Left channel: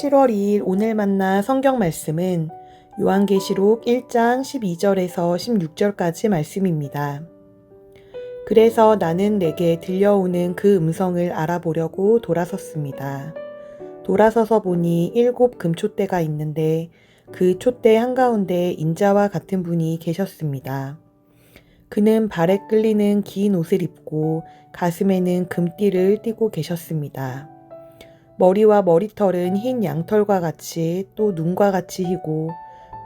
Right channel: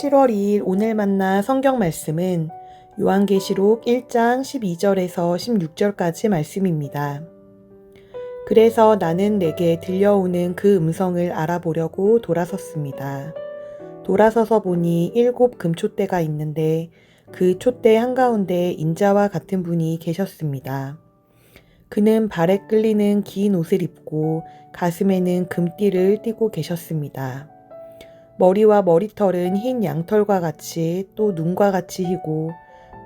7월 2일 오늘 만나 성경 말씀은 요한계시록 1장 12절에서 16절까지 말씀입니다. 그래서 나는 내게 들려오는 그 음성을 알아보려고 돌아섰습니다. 돌아서서 보니 7 금촛대가 있는데 그 촛대 한가운데 인자와 같은 분이 계셨습니다. 그는 발에 끌리는 긴 옷을 입고 가슴에는 금띠를 띠고 계셨습니다. 머리와 머리털은 흰 양털과 같이 또 눈과 같이 희고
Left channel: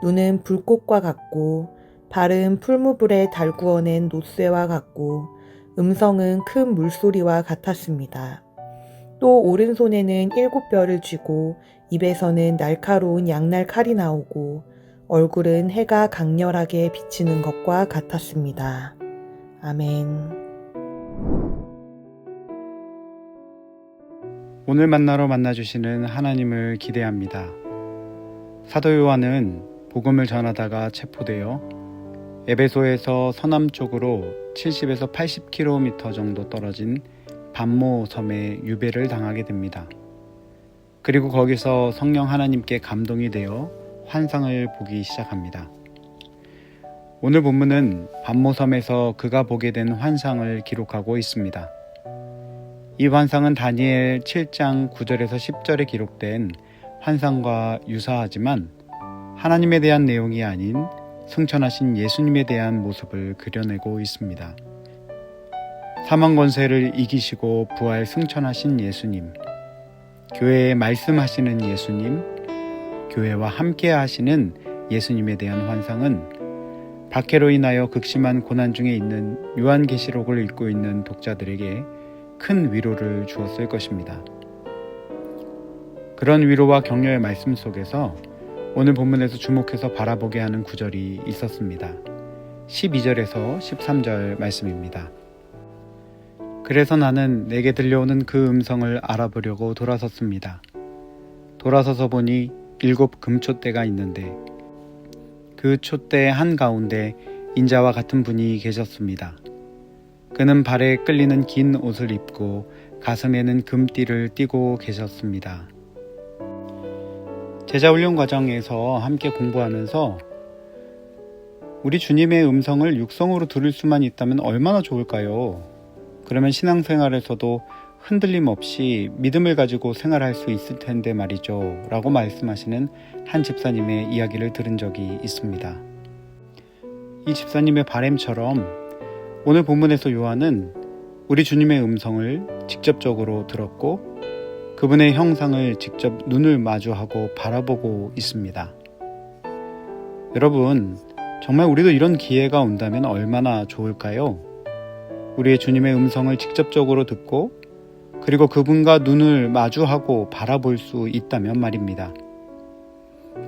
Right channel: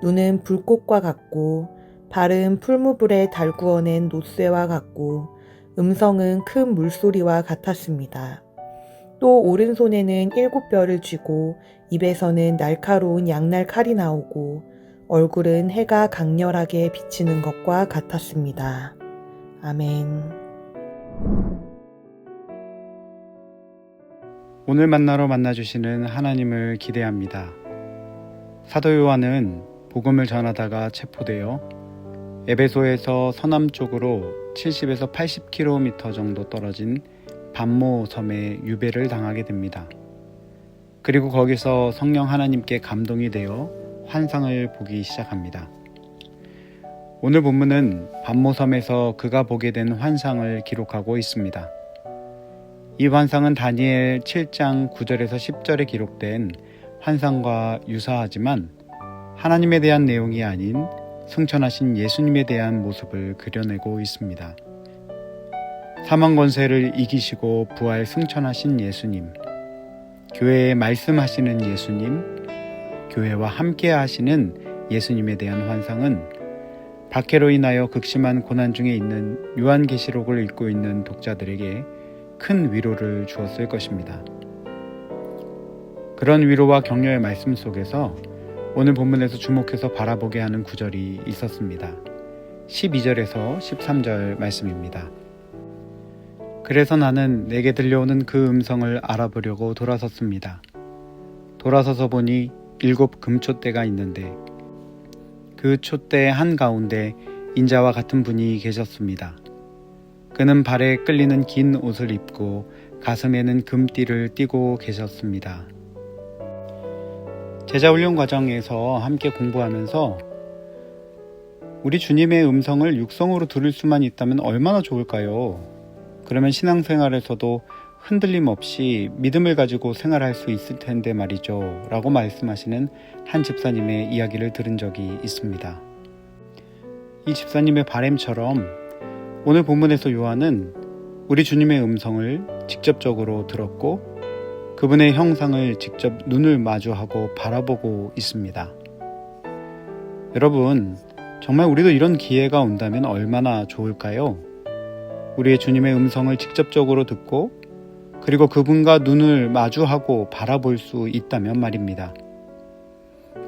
눈은 불꽃과 같고 발은 풀무불에 달구어낸 놋쇠와 같고 음성은 큰 물소리와 같았습니다. 또 오른손에는 7 뼈를 쥐고 입에서는 날카로운 양날 칼이 나오고 얼굴은 해가 강렬하게 비치는 것과 같았습니다. 아멘. 오늘 만나러 만나주시는 하나님을 기대합니다. 사도 요한은 복음을 전하다가 체포되어 에베소에서 서남쪽으로 70에서 80km 정도 떨어진 반모 섬에 유배를 당하게 됩니다. 그리고 거기서 성령 하나님께 감동이 되어 환상을 보기 시작합니다. 오늘 본문은 반모 섬에서 그가 보게 된 환상을 기록하고 있습니다. 이 환상은 다니엘 7장 9절에서 10절에 기록된 환상과 유사하지만 하나님에 대한 내용이 아닌 승천하신 예수님에 대한 모습을 그려내고 있습니다. 사망 권세를 이기시고 부활 승천하신 예수님, 교회에 말씀하시는 예수님, 교회와 함께 하시는 예수님에 대한 환상은 박해로 인하여 극심한 고난 중에 있는 요한계시록을 읽고 있는 독자들에게 큰 위로를 주었을 것입니다. 그런 위로와 격려의 말씀 속에서 오늘 본문에서 주목해서 바라보게 하는 구절이 있었습니다. 12절에서 13절 말씀입니다. 그래서 나는 내게 들려오는 그 음성을 알아보려고 돌아섰습니다. 돌아서서 보니 7 금촛대가 있는데 그 촛대 한가운데 인자와 같은 분이 계셨습니다. 그는 발에 끌리는 긴 옷을 입고 가슴에는 금띠를 띠고 계셨습니다. 제자훈련 과정에서 함께 공부하면서 우리 주님의 음성을 육성으로 들을 수만 있다면 얼마나 좋을까요? 그러면 신앙생활에서도 흔들림 없이 믿음을 가지고 생활할 수 있을 텐데 말이죠 라고 말씀하시는 한 집사님의 이야기를 들은 적이 있습니다. 이 집사님의 바람처럼 오늘 본문에서 요한은 우리 주님의 음성을 직접적으로 들었고 그분의 형상을 직접 눈을 마주하고 바라보고 있습니다. 여러분, 정말 우리도 이런 기회가 온다면 얼마나 좋을까요? 우리의 주님의 음성을 직접적으로 듣고 그리고 그분과 눈을 마주하고 바라볼 수 있다면 말입니다.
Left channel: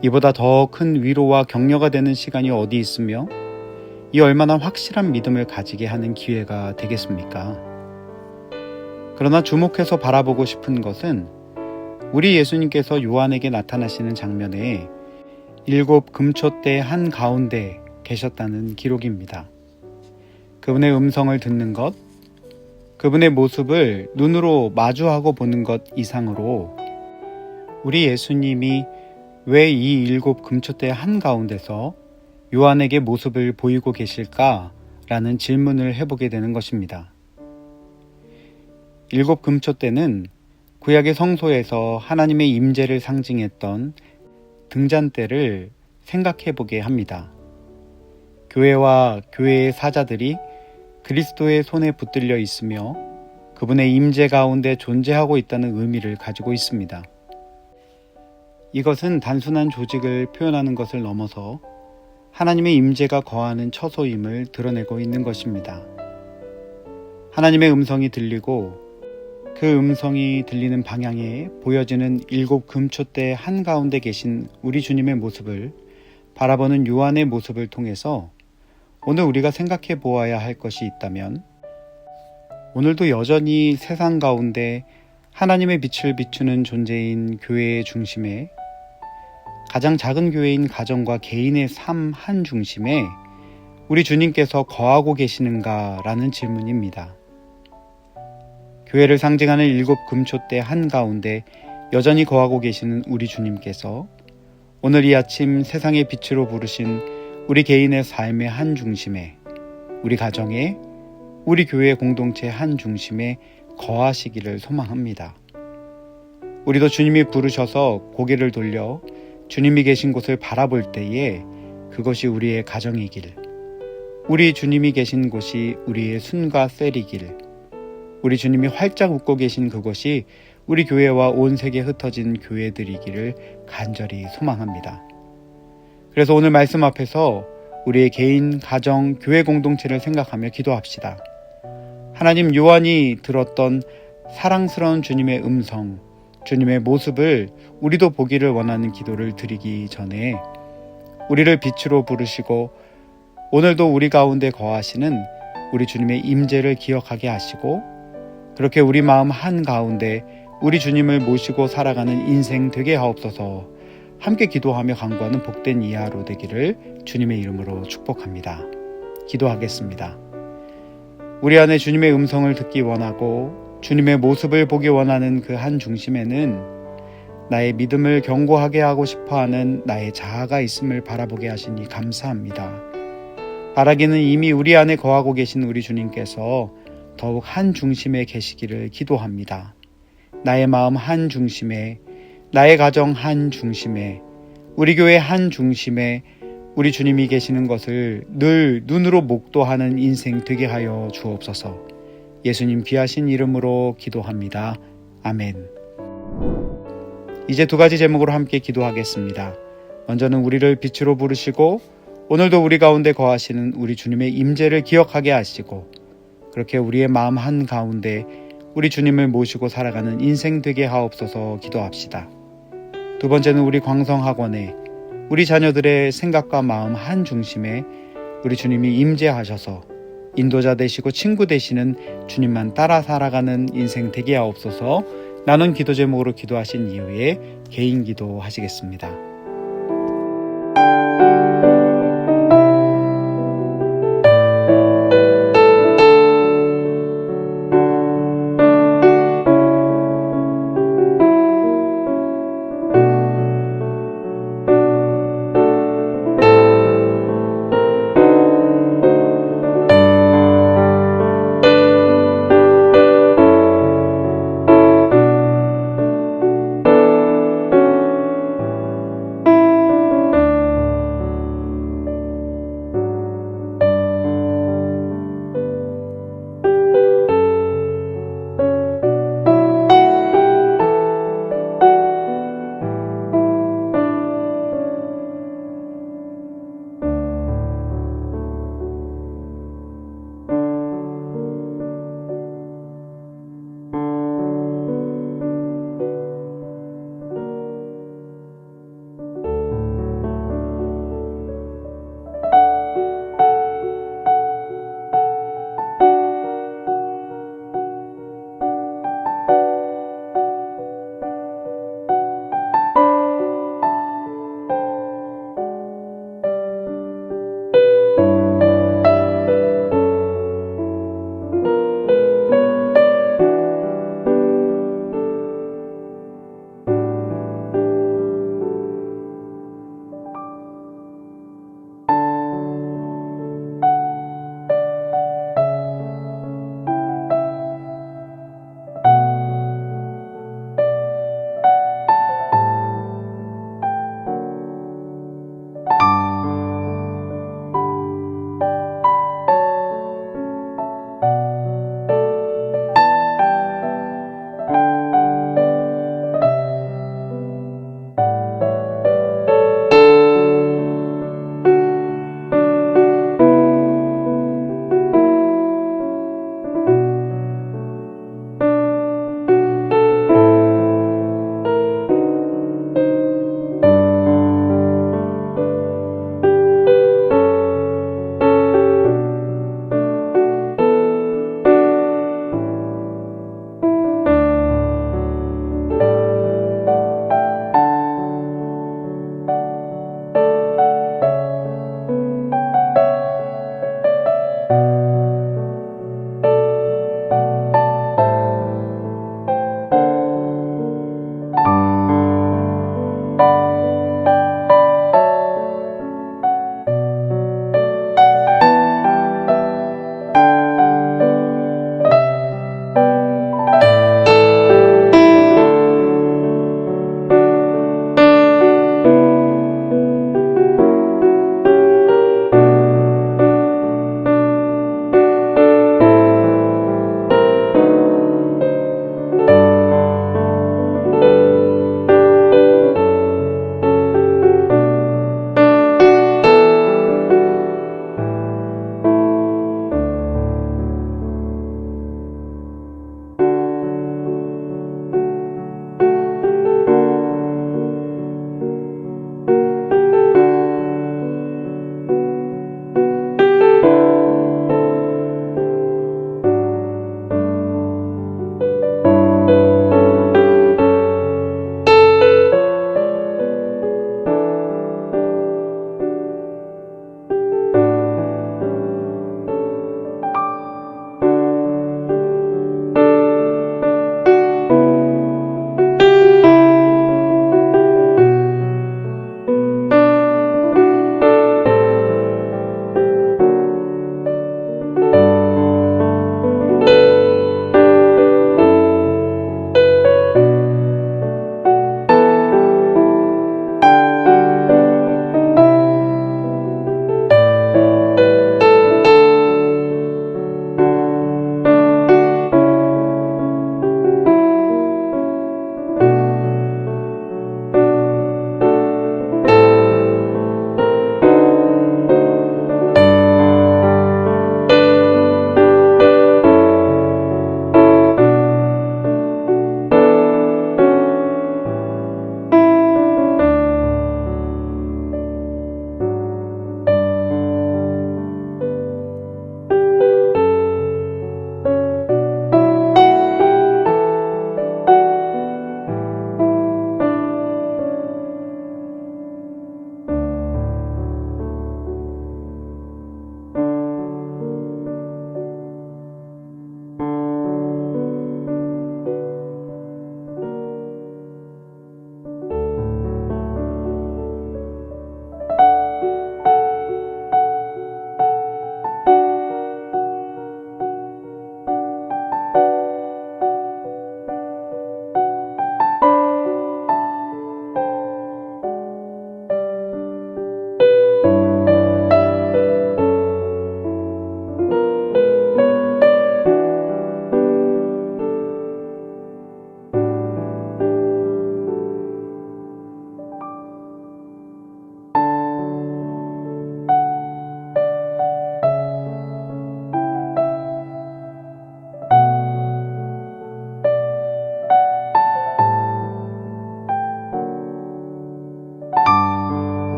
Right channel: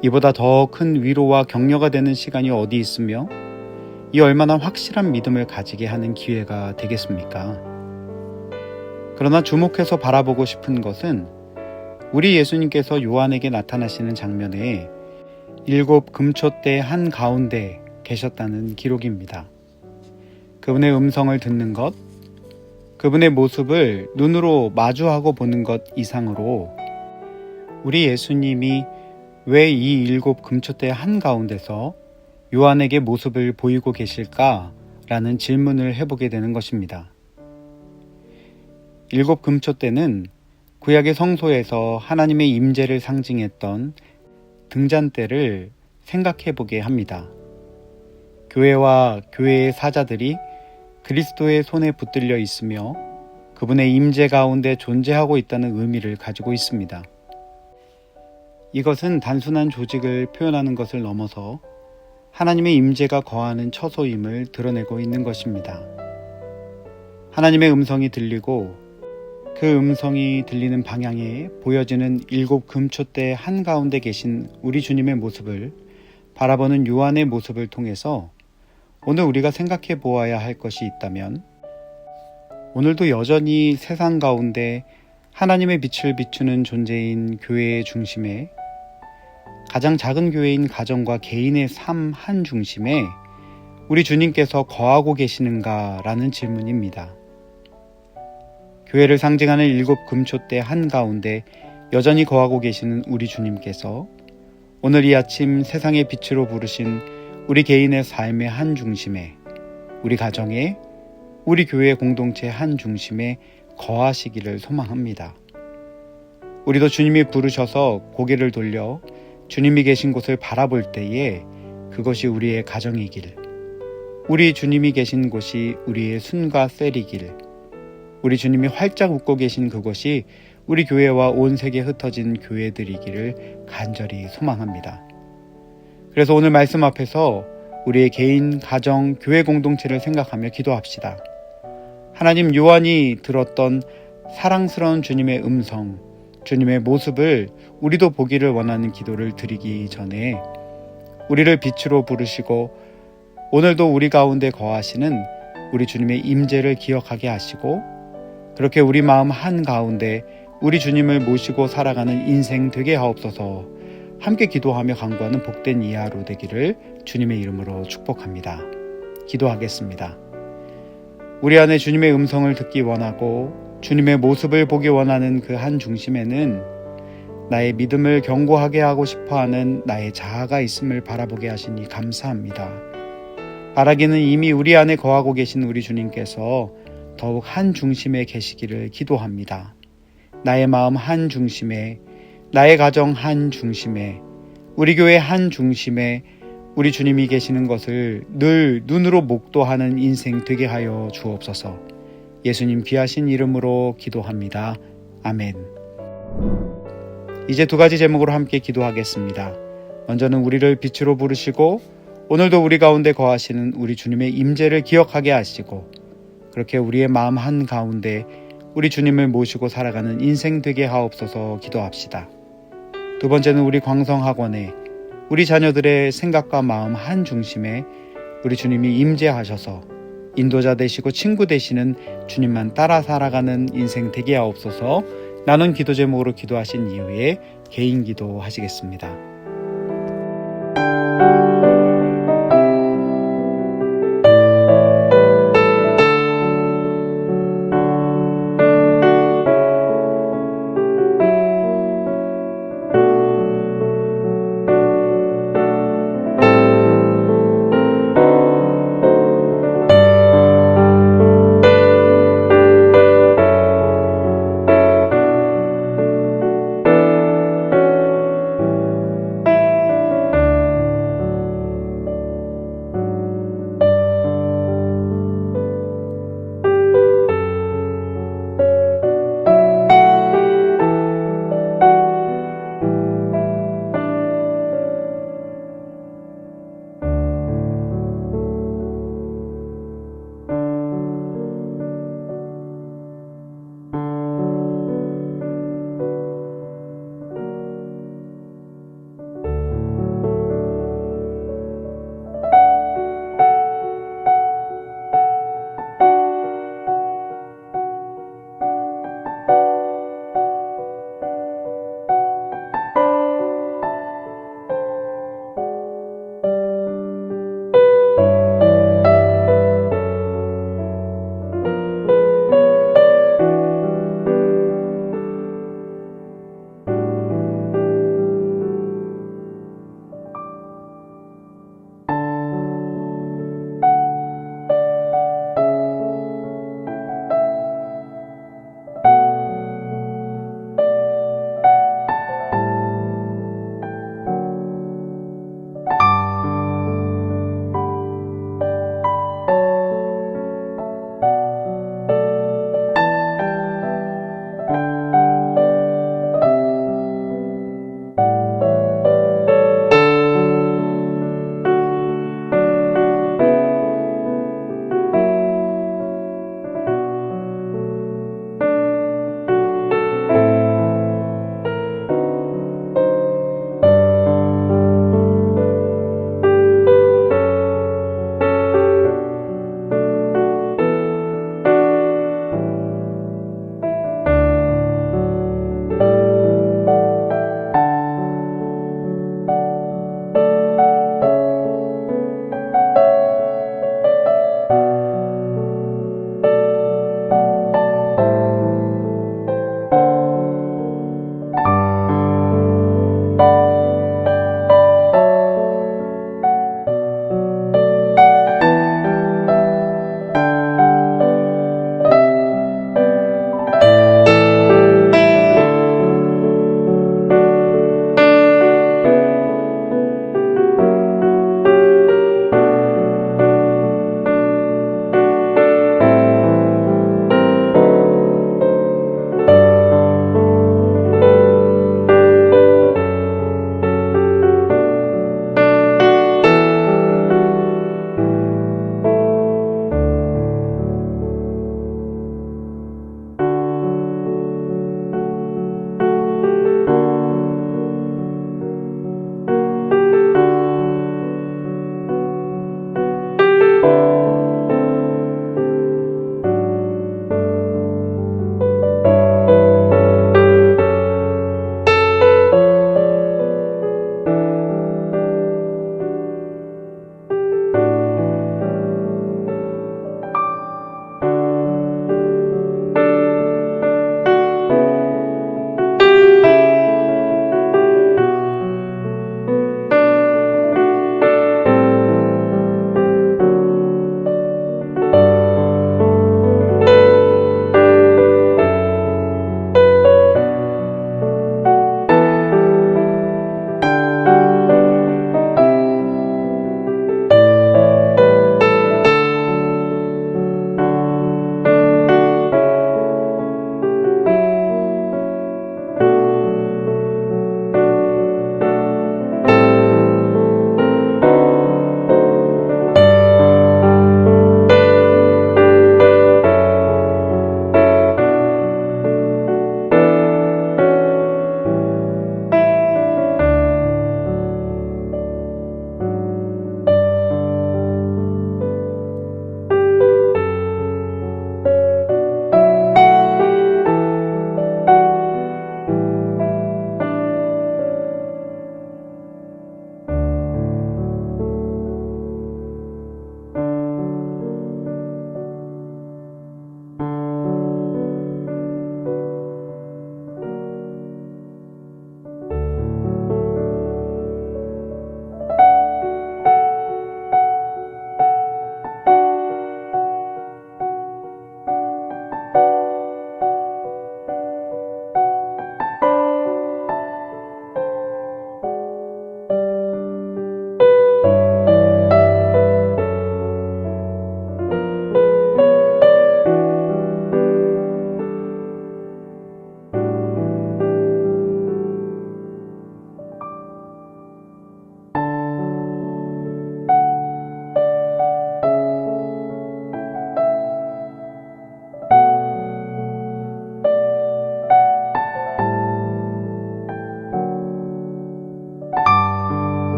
이보다 더 큰 위로와 격려가 되는 시간이 어디 있으며 이 얼마나 확실한 믿음을 가지게 하는 기회가 되겠습니까? 그러나 주목해서 바라보고 싶은 것은 우리 예수님께서 요한에게 나타나시는 장면에 7 금촛대 한가운데 계셨다는 기록입니다. 그분의 음성을 듣는 것, 그분의 모습을 눈으로 마주하고 보는 것 이상으로 우리 예수님이 왜 이 7 금촛대 한가운데서 요한에게 모습을 보이고 계실까라는 질문을 해보게 되는 것입니다. 7 금촛대는 구약의 성소에서 하나님의 임재를 상징했던 등잔대를 생각해보게 합니다. 교회와 교회의 사자들이 그리스도의 손에 붙들려 있으며 그분의 임재 가운데 존재하고 있다는 의미를 가지고 있습니다. 이것은 단순한 조직을 표현하는 것을 넘어서 하나님의 임재가 거하는 처소임을 드러내고 있는 것입니다. 하나님의 음성이 들리고 그 음성이 들리는 방향에 보여지는 7 금촛대 한가운데 계신 우리 주님의 모습을 바라보는 요한의 모습을 통해서 오늘 우리가 생각해 보아야 할 것이 있다면 오늘도 여전히 세상 가운데 하나님의 빛을 비추는 존재인 교회의 중심에 가장 작은 교회인 가정과 개인의 삶 한 중심에 우리 주님께서 거하고 계시는가라는 질문입니다. 교회를 상징하는 7 금촛대 한가운데 여전히 거하고 계시는 우리 주님께서 오늘 이 아침 세상의 빛으로 부르신 우리 개인의 삶의 한 중심에, 우리 가정의, 우리 교회 공동체 한 중심에 거하시기를 소망합니다. 우리도 주님이 부르셔서 고개를 돌려 주님이 계신 곳을 바라볼 때에 그것이 우리의 가정이길, 우리 주님이 계신 곳이 우리의 순과 셀이길, 우리 주님이 활짝 웃고 계신 그곳이 우리 교회와 온 세계에 흩어진 교회들이기를 간절히 소망합니다. 그래서 오늘 말씀 앞에서 우리의 개인, 가정, 교회 공동체를 생각하며 기도합시다. 하나님, 요한이 들었던 사랑스러운 주님의 음성, 주님의 모습을 우리도 보기를 원하는 기도를 드리기 전에 우리를 빛으로 부르시고 오늘도 우리 가운데 거하시는 우리 주님의 임재를 기억하게 하시고 그렇게 우리 마음 한가운데 우리 주님을 모시고 살아가는 인생 되게 하옵소서. 함께 기도하며 간구하는 복된 이하로 되기를 주님의 이름으로 축복합니다. 기도하겠습니다. 우리 안에 주님의 음성을 듣기 원하고 주님의 모습을 보기 원하는 그 한 중심에는 나의 믿음을 견고하게 하고 싶어하는 나의 자아가 있음을 바라보게 하시니 감사합니다. 바라기는 이미 우리 안에 거하고 계신 우리 주님께서 더욱 한 중심에 계시기를 기도합니다. 나의 마음 한 중심에, 나의 가정 한 중심에, 우리 교회 한 중심에 우리 주님이 계시는 것을 늘 눈으로 목도하는 인생 되게 하여 주옵소서. 예수님 귀하신 이름으로 기도합니다. 아멘. 이제 두 가지 제목으로 함께 기도하겠습니다. 먼저는 우리를 빛으로 부르시고 오늘도 우리 가운데 거하시는 우리 주님의 임재를 기억하게 하시고 그렇게 우리의 마음 한가운데 우리 주님을 모시고 살아가는 인생 되게 하옵소서 기도합시다. 두 번째는 우리 광성학원에 우리 자녀들의 생각과 마음 한 중심에 우리 주님이 임재하셔서 인도자 되시고 친구 되시는 주님만 따라 살아가는 인생 되게 하옵소서. 나눈 기도 제목으로 기도하신 이후에 개인 기도 하시겠습니다.